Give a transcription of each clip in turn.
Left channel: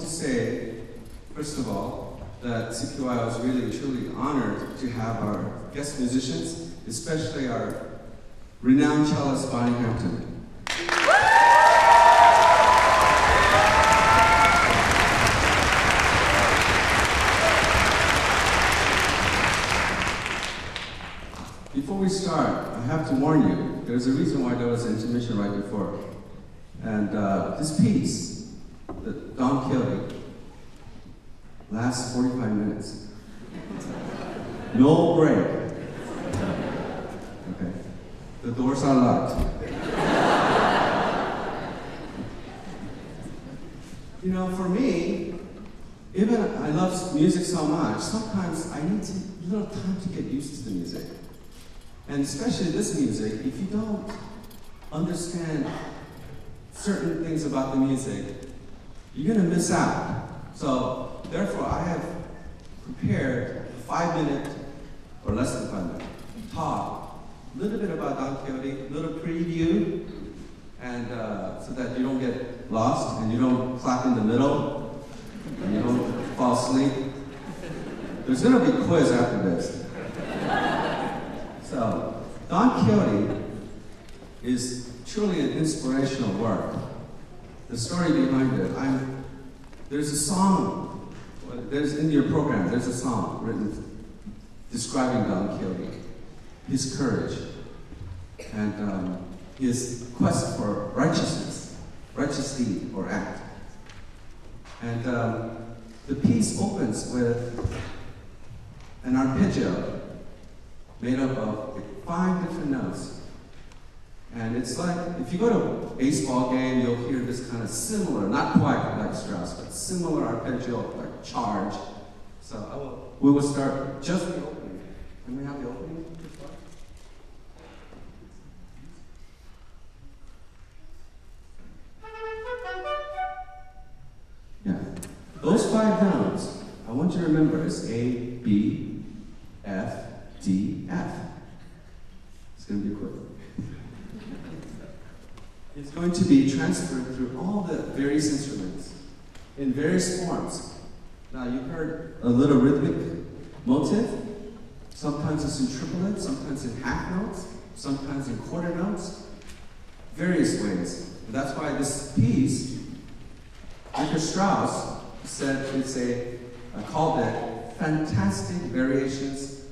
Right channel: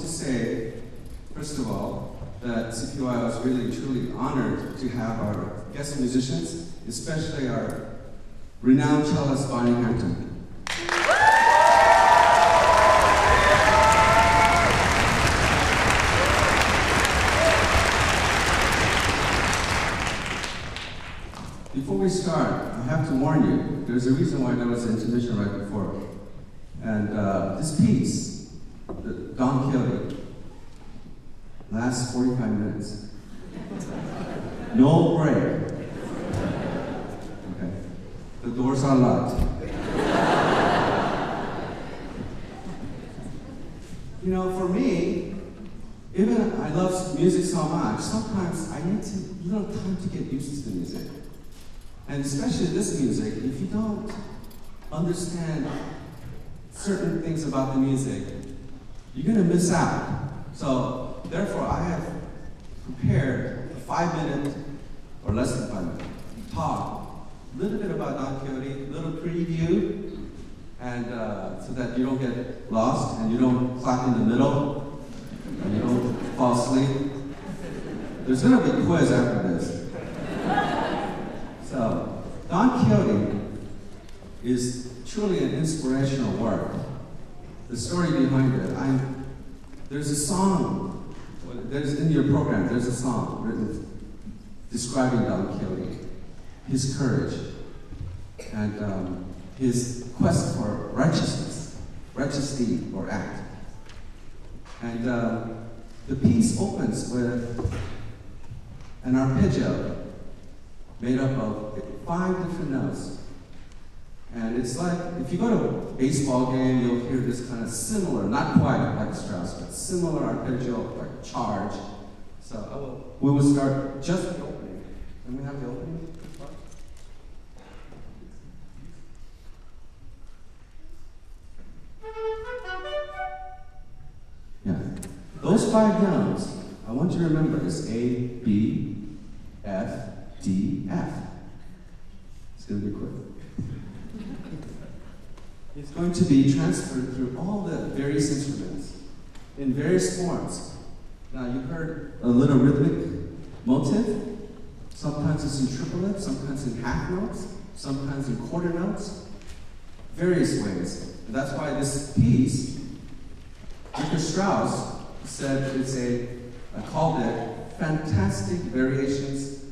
to say, first of all, that CPYO is really truly honored to have our guest musicians, especially our renowned cellist Bonnie Hampton. Before we start, I have to warn you, there's a reason why there was an intermission right before. And this piece, the Don Quixote, lasts 45 minutes. No break. Okay. The doors are locked. You know, for me, even I love music so much, sometimes I need a little time to get used to the music. And especially this music, if you don't understand certain things about the music, you're gonna miss out. So, therefore, I have prepared a 5-minute, or less than 5 minute, talk, a little bit about Don Quixote, a little preview, and so that you don't get lost, and you don't clap in the middle, and you don't fall asleep. There's gonna be a quiz after this. So, Don Quixote is truly an inspirational work. The story behind it, there's a song, in your program, there's a song written describing Don Quixote, his courage, and his quest for righteousness, righteous deed or act. And the piece opens with an arpeggio made up of 5 different notes. And it's like, if you go to a baseball game, you'll hear this kind of similar, not quite like Strauss, but similar arpeggio, like charge. So we will start just the opening. Can we have the opening to start? Yeah. Those 5 notes, I want you to remember, is A, B, F, D, F. It's going to be quick. It's going to be transferred through all the various instruments in various forms. Now, you heard a little rhythmic motive. Sometimes it's in triplet, sometimes in half notes, sometimes in quarter notes. Various ways. And that's why this piece, Richard Strauss said I called it Fantastic Variations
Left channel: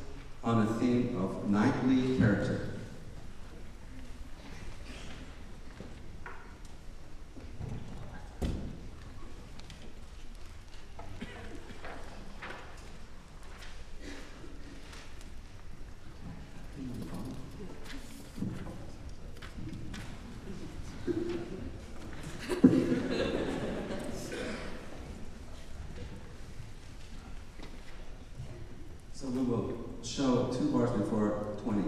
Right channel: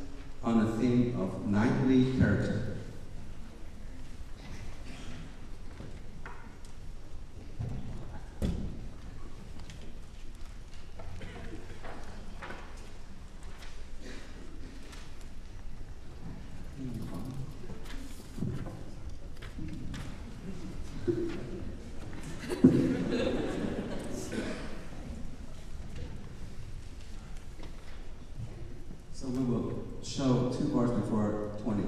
on a theme of knightly character. So we will show 2 bars before 20.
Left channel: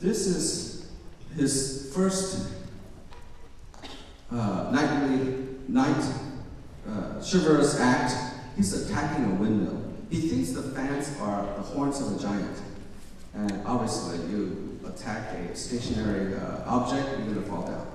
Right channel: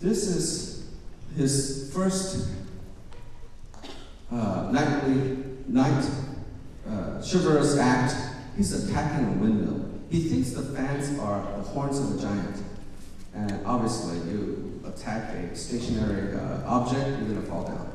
This is his first chivalrous act. He's attacking a windmill. He thinks the fans are the horns of a giant. And obviously, you attack a stationary object, you're going to fall down.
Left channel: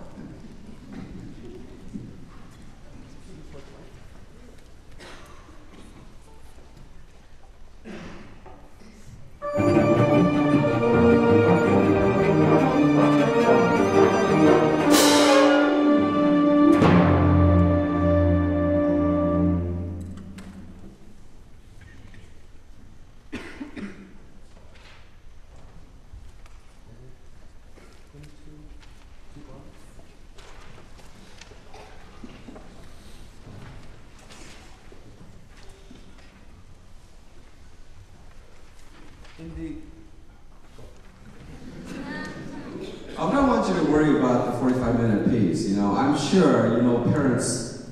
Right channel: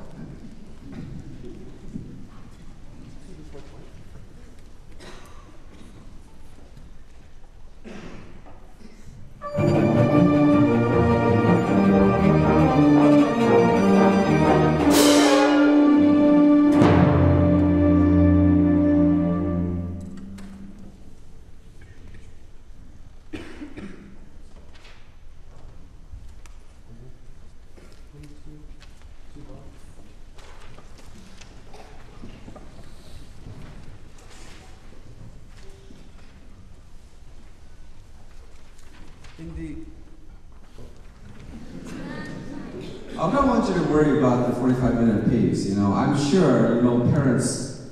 I don't want you to worry about the 45-minute piece. You know, I'm sure parents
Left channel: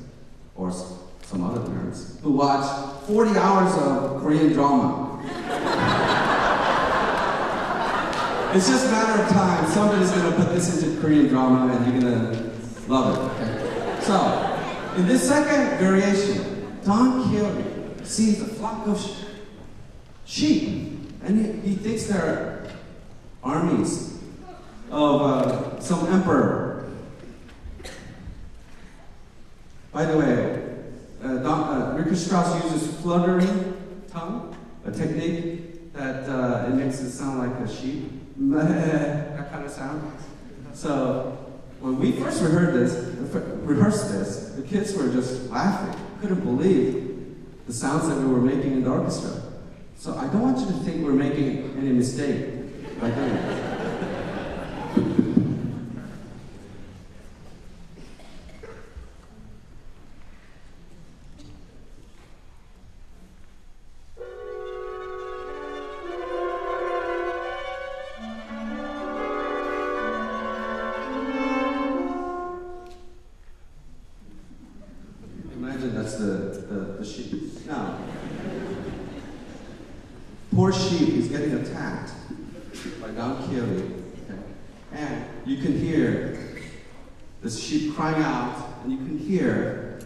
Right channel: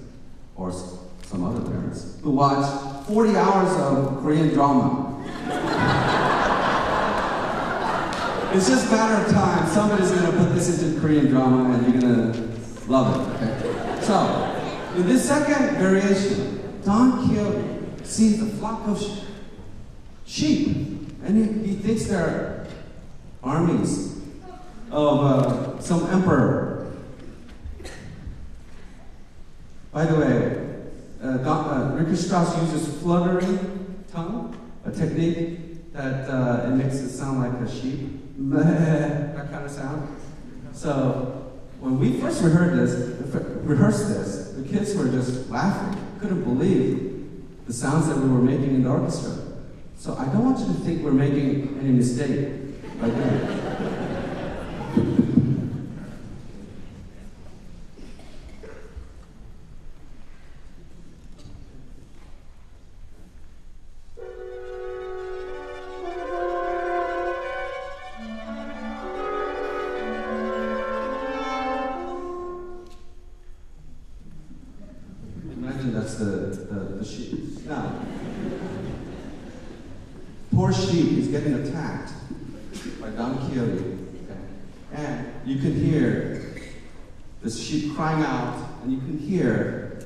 or some other parents who watch 40 hours of Korean drama. It's just a matter of time. Somebody's gonna put this into Korean drama and you're gonna love it, okay? So, in this second variation, Don Quixote sees a flock of sheep, and he thinks they're armies of some emperor. By the way, Richard Strauss uses fluttering tongue, a technique that it makes it sound like a sheep, that kind of sound. So when we first rehearsed this, the kids were just laughing, couldn't believe the sounds that we were making in the orchestra. So I don't want you to think we're making any mistake by doing it. That's the sheep. Now, poor sheep is getting attacked by Don Quixote, okay? And you can hear the sheep crying out, and you can hear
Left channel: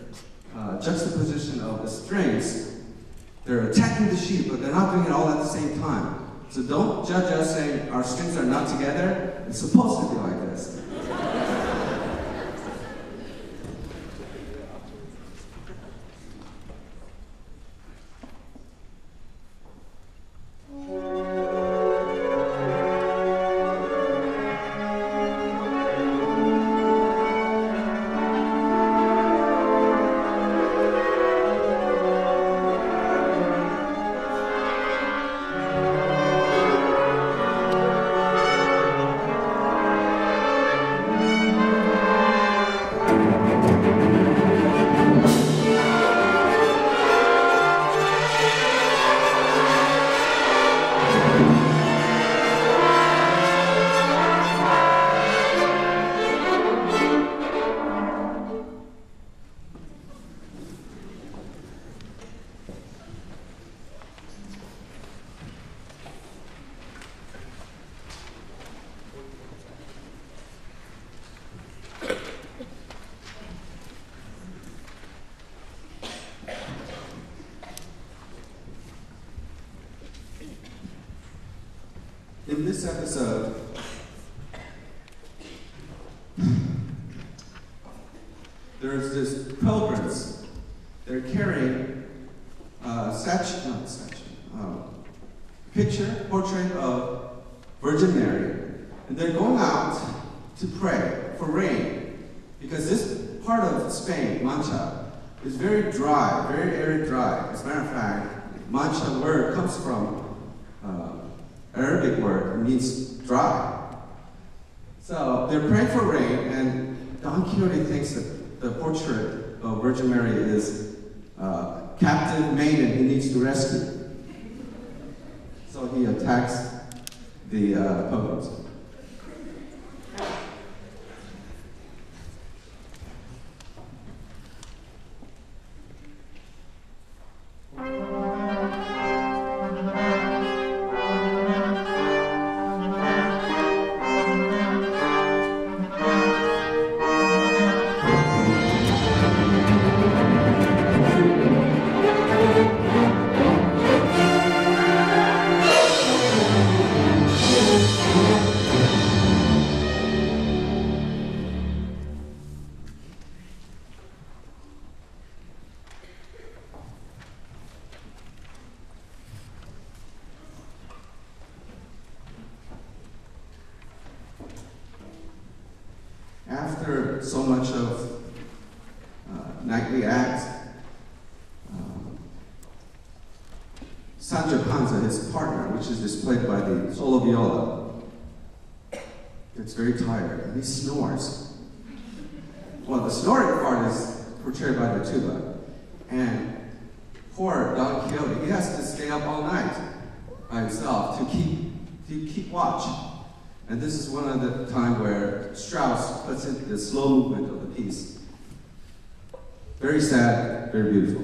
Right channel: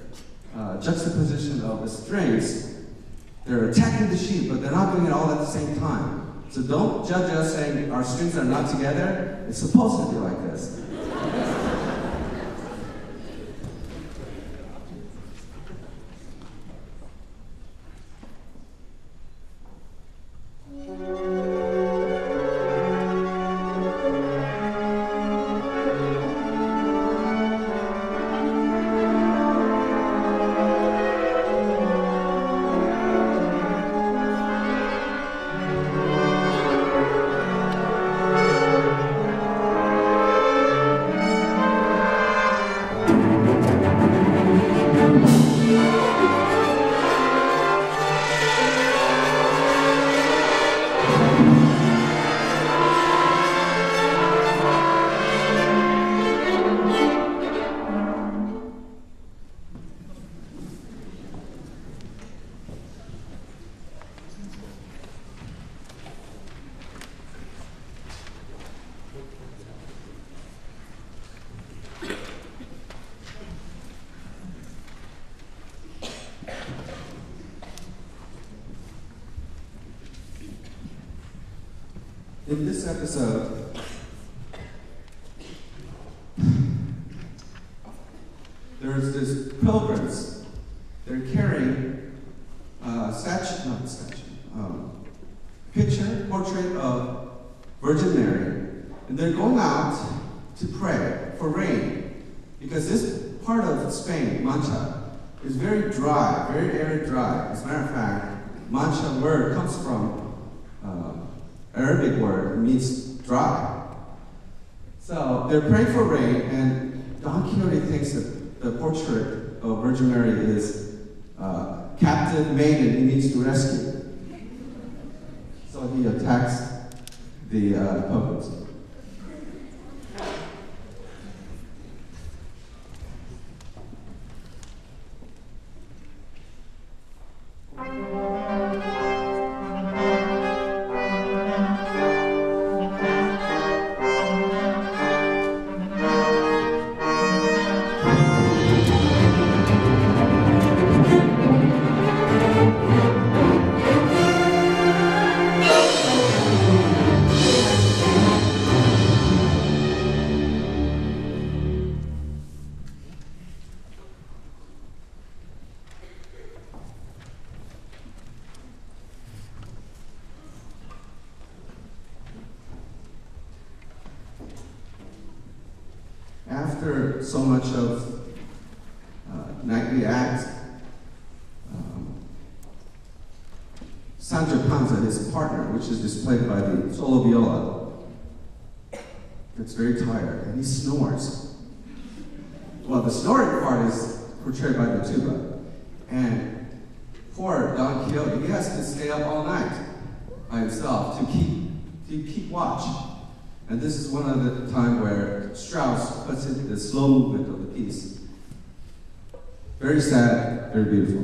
juxtaposition of the strings. They're attacking the sheep, but they're not doing it all at the same time. So don't judge us saying our strings are not together. It's supposed to be like this. In this episode, there's this pilgrims. They're carrying a portrait of Virgin Mary, and they're going out to pray for rain, because this part of Spain, Mancha, is very dry, very arid dry. As a matter of fact, Mancha word comes from Arabic word, it means dry. So they're praying for rain, and Don Quixote thinks that the portrait of Virgin Mary is a captive maiden he needs to rescue. So he attacks the pilgrims. After so much of nightly acts, Sancho Panza, his partner, which is displayed by the solo viola, gets very tired and he snores. Well, the snoring part is portrayed by the tuba. And poor Don Quixote, he has to stay up all night by himself to keep watch. And this is one of the time where Strauss puts in the slow movement of the piece. Very sad, very beautiful.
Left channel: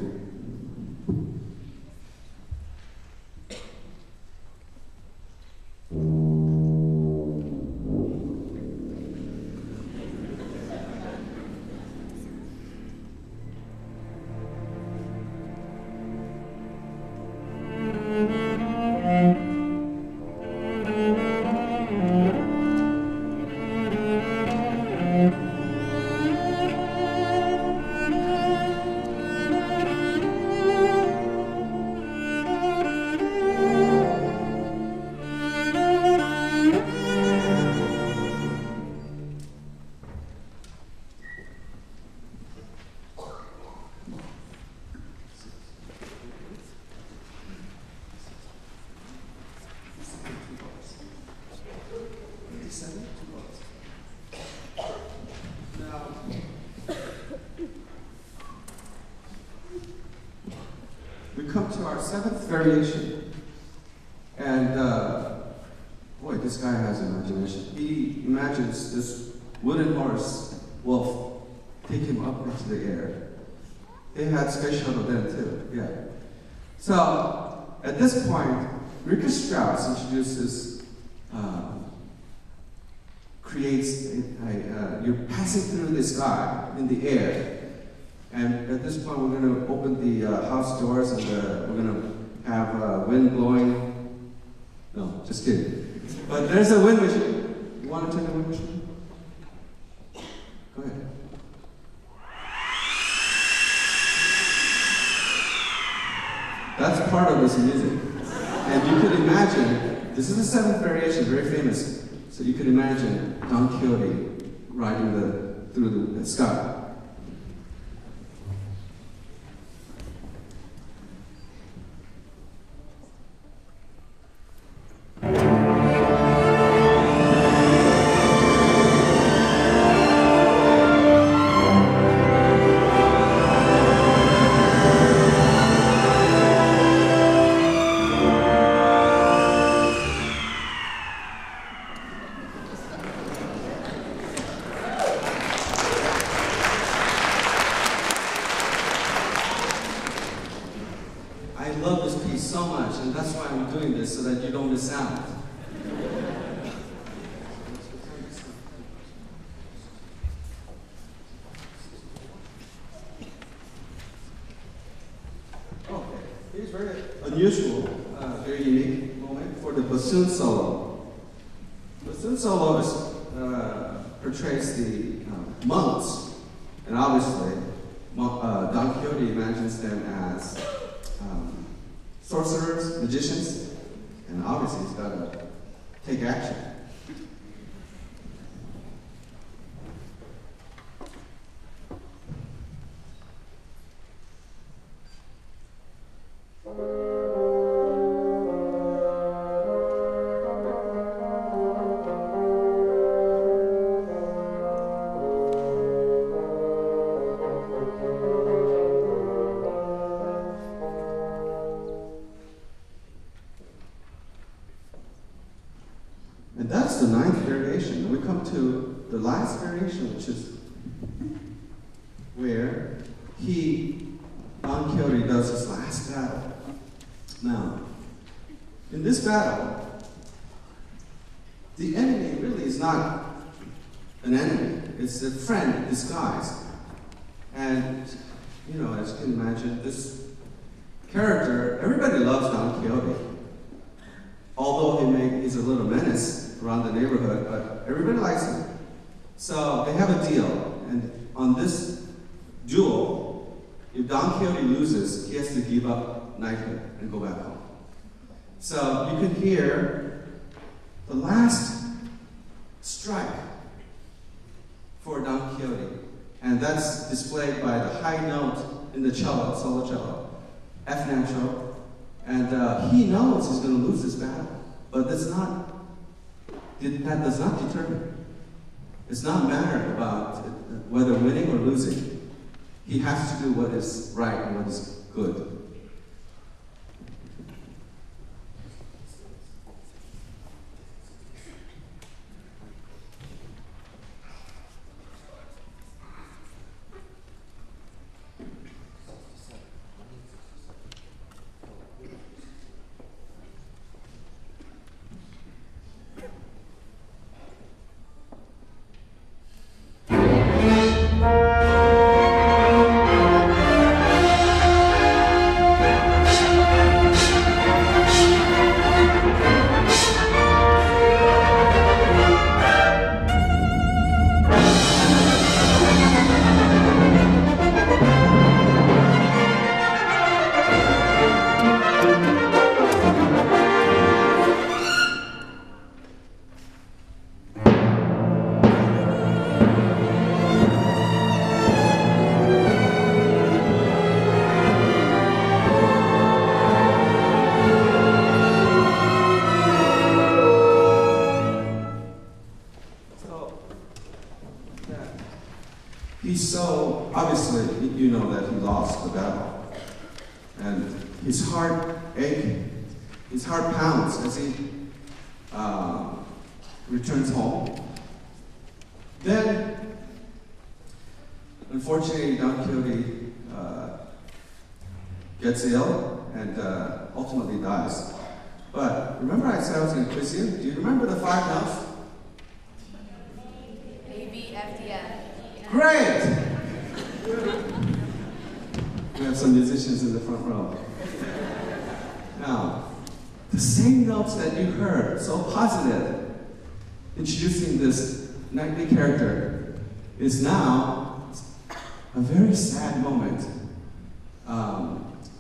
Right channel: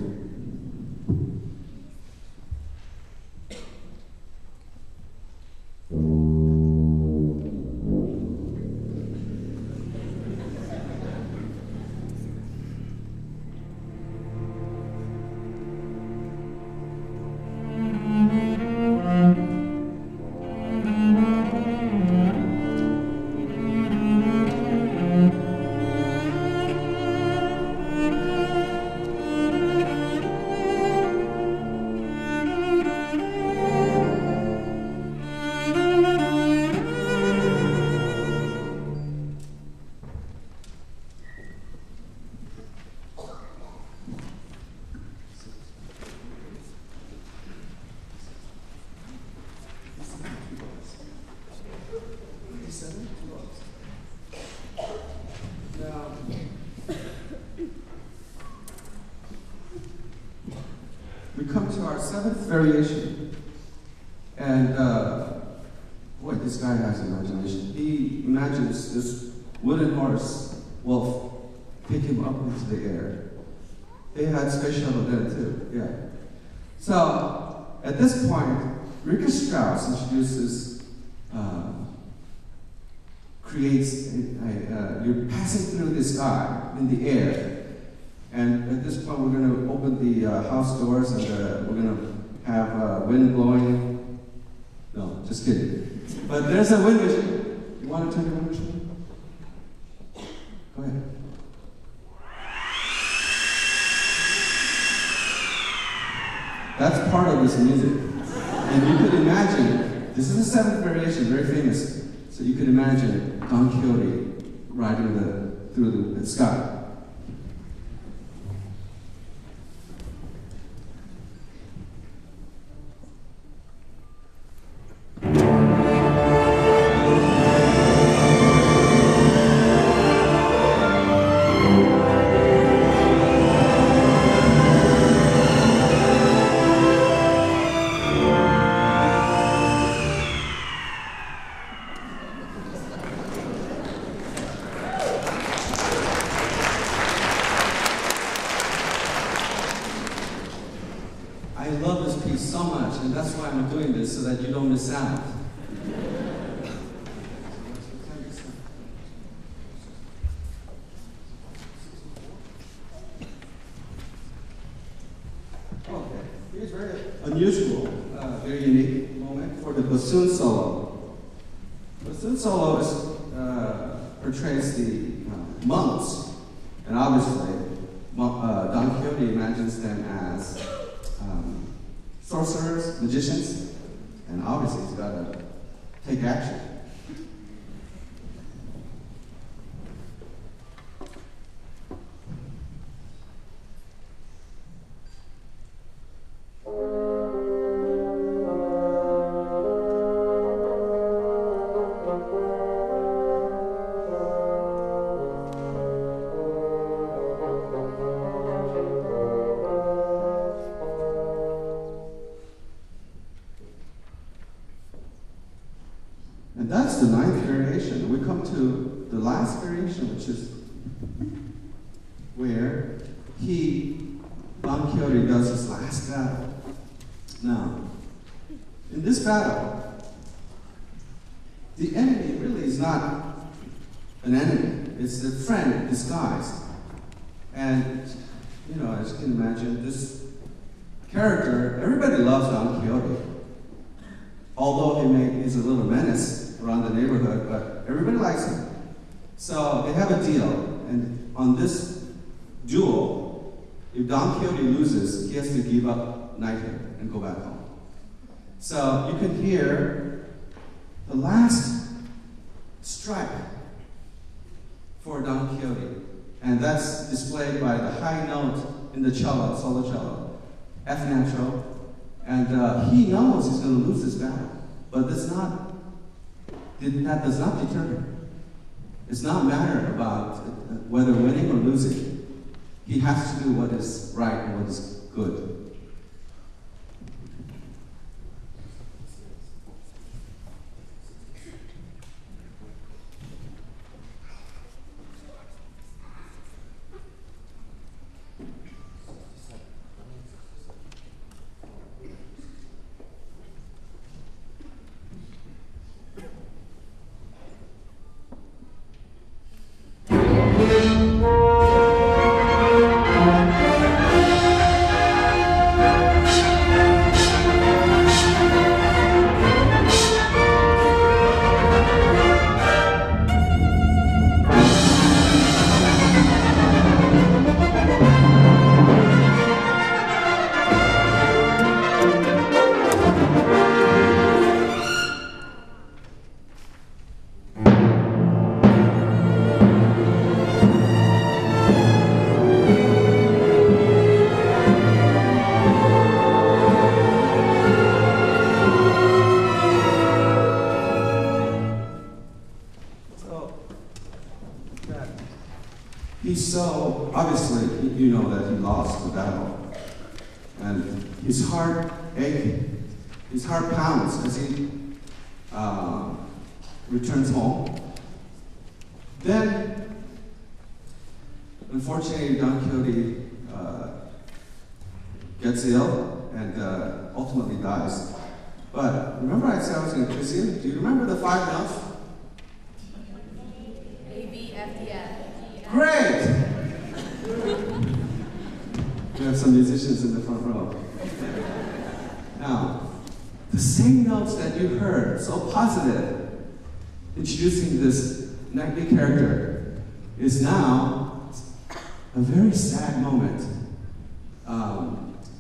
our seventh variation. And boy, this guy has imagination. He imagines this wooden horse wolf pick him up into the air. They had space shuttle then too, yeah. So at this point, Richard Strauss introduces, creates, you're passing through the sky in the air. And at this point, we're going to open the house doors and we're going to have wind blowing. No, just kidding. But there's a wind machine. You want to turn the wind machine? Go ahead. That's part of this music. And you could imagine, this is the seventh variation, very famous. So you could imagine Don Quixote riding through the sky. So much, and that's why I'm doing this, so that you don't miss out. Okay, here's very unusual, very unique moment for the bassoon solo. Bassoon solo portrays the monks, and obviously Don Quixote imagines them as sorcerers, magicians, and obviously he's got to take action. That's the ninth variation. And we come to the last variation, which is where Don Quixote does his last battle. Now, in this battle, the enemy really is not an enemy. It's a friend disguised. And, you know, as you can imagine, this character, everybody loves Don Quixote. Although he's a little menace around the neighborhood, but everybody likes him. So they have a deal, and on this duel, if Don Quixote loses, he has to give up knighthood and go back home. So you can hear the last strike for Don Quixote, and that's displayed by the high note in the cello, solo cello, F natural. And he knows he's going to lose this battle, but that does not deter him. It's not a matter about whether winning or losing. He has to do what is right and what is good. He's so, obviously, you know that he lost the battle. And his heart pounds as he returns home. Then, unfortunately, Don Quixote gets ill and ultimately dies. But remember I said I was going to quiz you? Do you remember the 5 notes? A, B, F, D, F. Great! We have some musicians in the front row. Now, the same notes that you heard, so positive, introducing this knightly character, is now a very sad moment.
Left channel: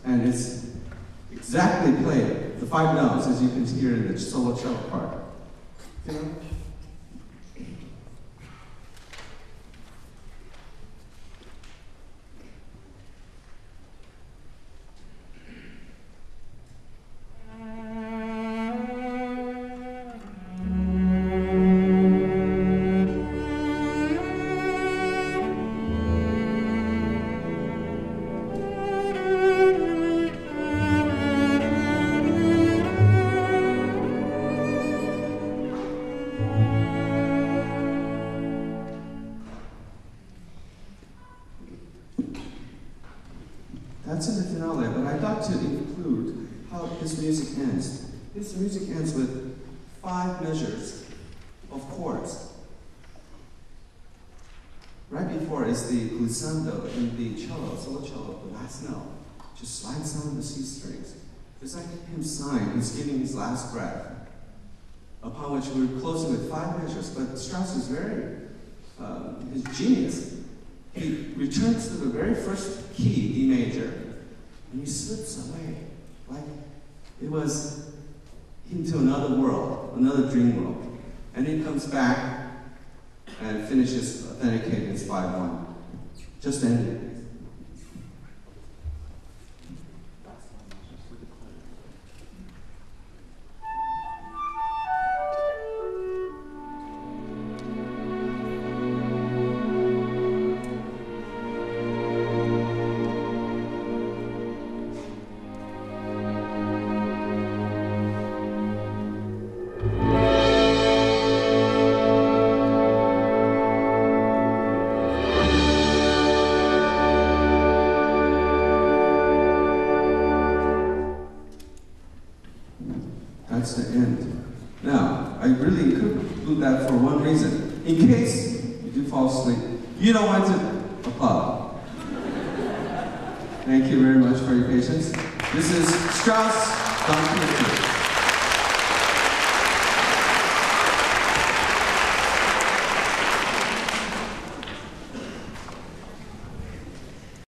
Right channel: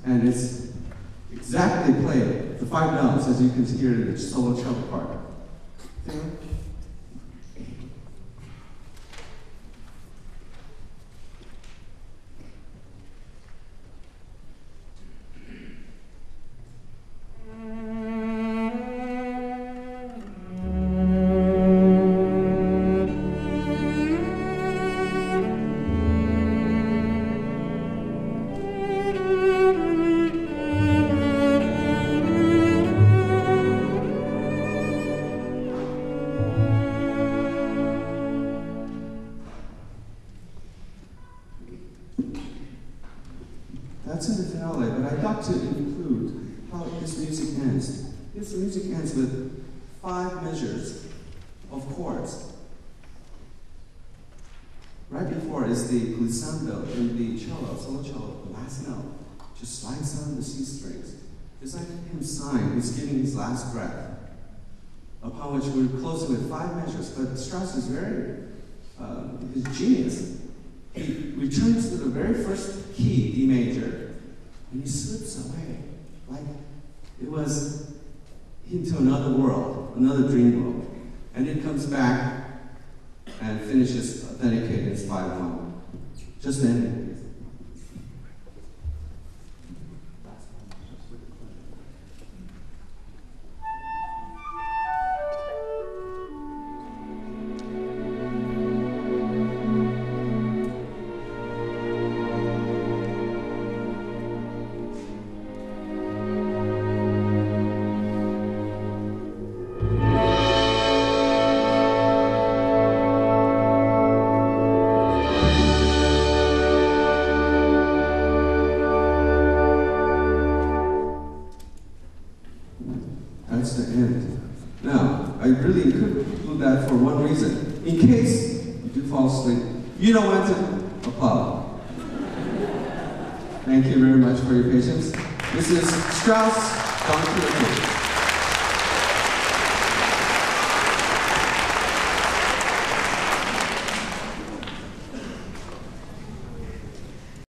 And it's exactly played, the 5 notes, as you can hear in the solo cello part. That's in the finale, but I'd like to include how his music ends. His music ends with 5 measures of chords. Right before is the glissando in the cello, solo cello, the last note. Just slides on the C strings. It's like him sighing, he's giving his last breath. Upon which we're closing with 5 measures, but Strauss is very, his genius. He returns to the very first key, D major, and he slips away like it was into another world, another dream world. And he comes back and finishes authenticating his 5-1. Just ended. That's the end. Now, I really include that for one reason. In case you do fall asleep, you don't want to applaud. Thank you very much for your patience. This is Strauss, Don Quixote.